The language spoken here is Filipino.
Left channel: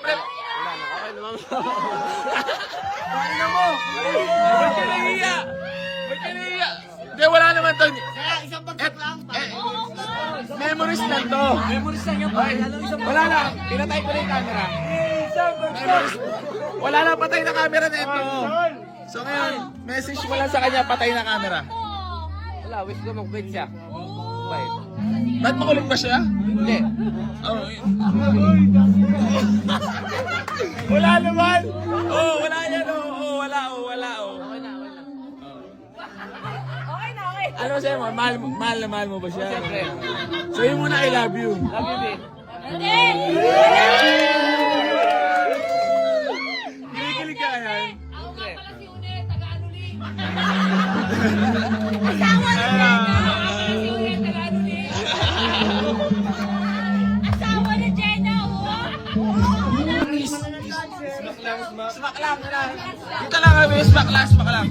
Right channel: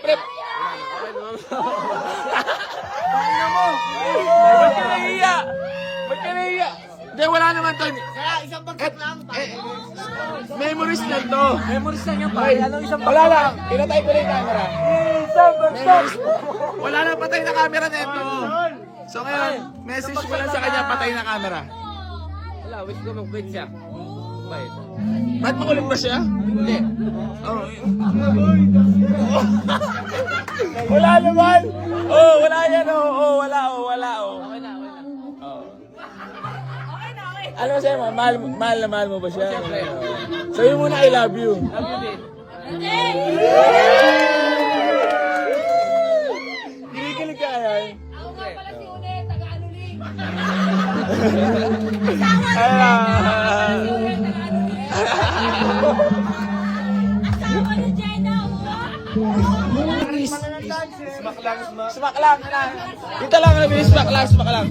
Siyempre, Wala na, okay naman. pakina mo. Ba't ka nahiya? Ba't ka nahiya? Hindi, wala naman to. Kaya isang bagsak lang. Memories lang to. Memories lang yan, pare. Anong isang Wala lang. Pinatay ko na yung camera. Isang bagsak. Wala na, patay na camera neto. So ngayon, message mo lang sa kanya, patay na camera. Wala, wish ko mag-quit siya. Bye. Ba't makulong ba siya? Hindi. Oh. Wala naman. Oh, wala yan. Oh, wala. Okay na, okay na. Oh. Okay na, okay. Ano sa'yo, mahal na mahal mo ba siya? Siyempre. So yun muna, I love you. Love you din. Kinikilig ka yan. Ako nga pala si Une, taga-anuling. Ah. Si Une, taga-anuling. Asawa ni Jenna, oh. Chris. Smack lang. Dito lang, smack lang.